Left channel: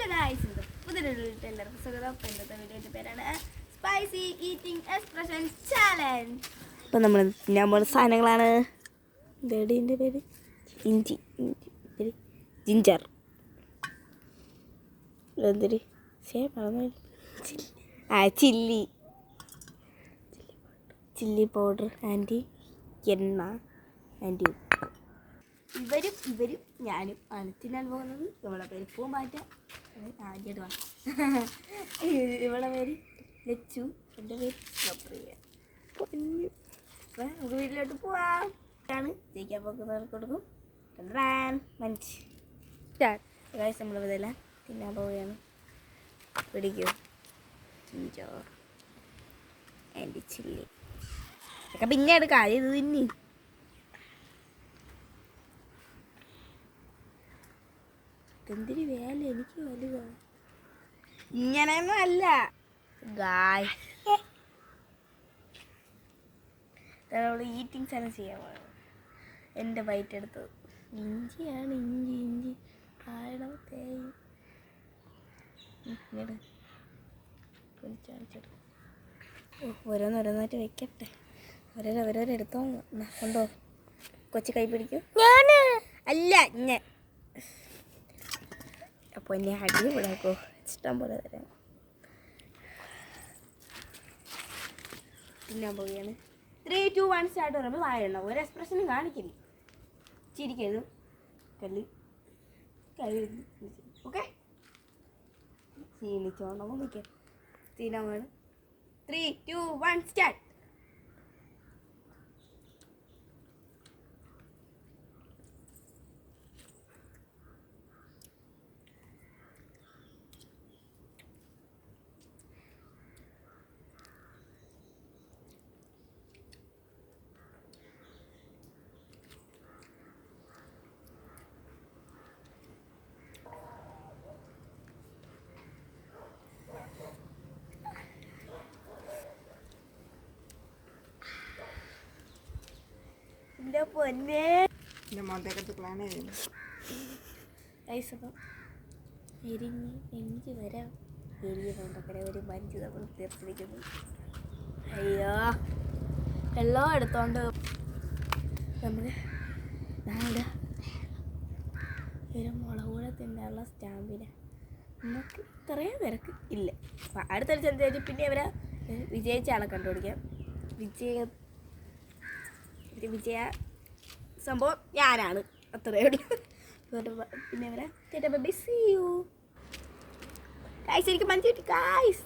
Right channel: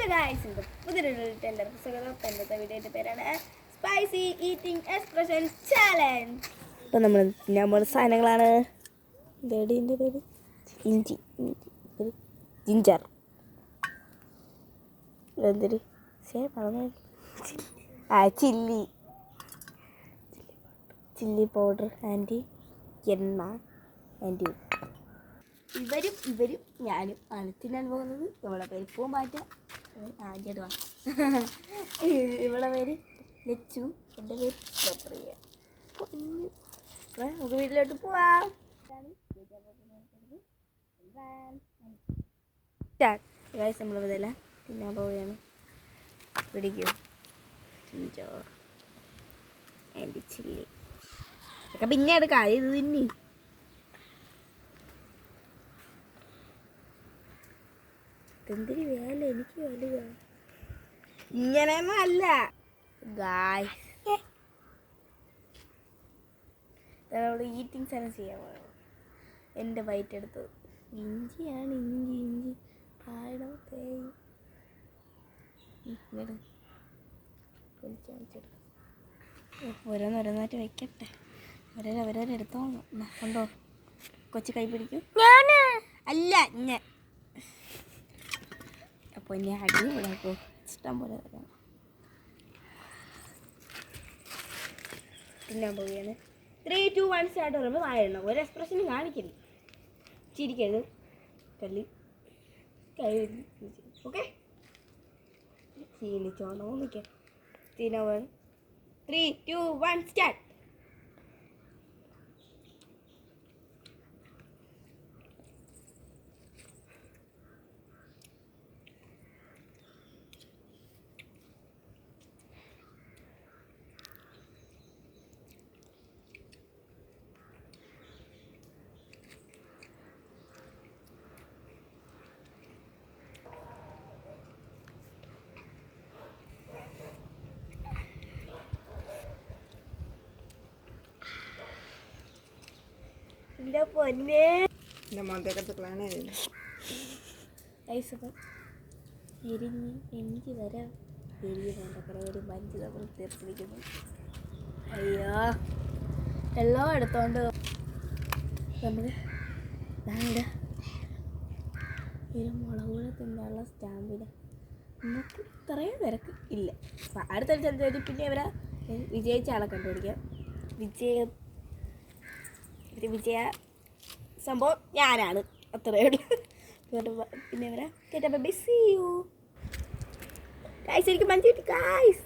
Hello guys, പുതിയൊരു എല്ലാവർക്കും സ്വാഗതം. ഇന്നത്തെ വീഡിയോയുടെ പേരാണ് സ്പൈസി ഈറ്റിംഗ് എക്സ്പ്രഷൻ ചാലഞ്ച്. ഇപ്പം നമ്മൾ സാധനങ്ങളാണ്. ഇതിൻ്റെ പേര് ഇഞ്ചി, ജിഞ്ചർ, എന്തൊരു ചില്ലി പൗഡർ ആൻഡ് എണ്ണ ആൻഡ് ഉപ്പ്. ഇവരും ഞാനും ആണ് തിന്നാൻ പോകുന്നത്. ഇവളെ പേര് പൂമ്പാറ്റ, ആദ്യമാണ്. ഇവളെ പേര് ലച്ചു, എൻ്റെ പേര് പ്രിയ. നമുക്ക് വീട്ടിലോട്ട് പോവാം. ജയിക്കാൻ പോകുന്നവർക്ക് കൊടുക്കും. നമ്മൾ ഇതെല്ലാം തിന്നാൻ പോവുകയാണ്. പിടിക്കൂ ചിഞ്ചോ ആൻഡ് ചില്ലി ഒക്കെ പിന്നെയാണ് കാര്യം. ഇത് തിന്നി എന്തിന് വേല, എനിക്ക് വലുതാണ്. ഇങ്ങനെയൊന്നും അല്ല ഗായ്, നമ്മൾ ഈറ്റിംഗ് ചലഞ്ച് ചെയ്യാൻ പോകണം. എൻ്റെ വയറ്റ് എടുത്തത് ഇഞ്ചിയാണ്. ഇഞ്ചി ആഴം തേങ്ങ ഓരോന്നോരോന്നായിട്ട് വെക്കട്ടെ. ഓരോരെടുത്തോ കൊണ്ടോ. കൊച്ചു കൈ പിടിക്കും. അല്ല ഞാൻ അപ്പോൾ എന്നെ അടിപൊളിയാക്കോ, ഇഷ്ടം പോലെ തരാം. തിന്നാൻ പോവുകയാണ്. 3, 2, 1 സ്റ്റാർട്ട് പറയുമ്പോൾ വായണം. ഒരു എക്സ്പ്രഷനും കാണിക്കരുത്. ചിരിക്കരുത്. കല്ല് കൈ ഓക്കെ. ചീനിച്ചോണ്ടോ നിൽക്കാം. തിന്നാൻ 3, 2, 1 സ്റ്റാർട്ട്. എൻ്റെ പൊന്നെ, മന്ദക്കച്ചക്കളാണ് ഐസൊക്കെ എരിഞ്ഞ് എനിക്ക് വരാം. എരിയ മണ്ടക്കര ഒരു മഞ്ച് നമ്മൾ തീർത്തിരിക്കുന്നു. അയ്യോ, എല്ലാം എടുത്തോണ്ട് നമ്മൾ നാടെ ഒരു മുളക് കൂടെ തിന്നാനുള്ള സ്റ്റാമ്പിന് നമുക്ക് ഇത്രയും തിരക്ക് ഇല്ല. അടുത്ത ചന്ദ്രൻ പിന്നെ അവരെ വിജയിച്ച ആളെ കണ്ടുപിടിക്കാം. വിജയ സംഭവം ഞാനാണ്, അത്രയേ ഉള്ളൂ. പിന്നെ അവരെ കേട്ടപ്പോൾ ബിസി യു ഗൈസ്. എനിക്ക് മഞ്ച് കിട്ടി ഗൈസ്.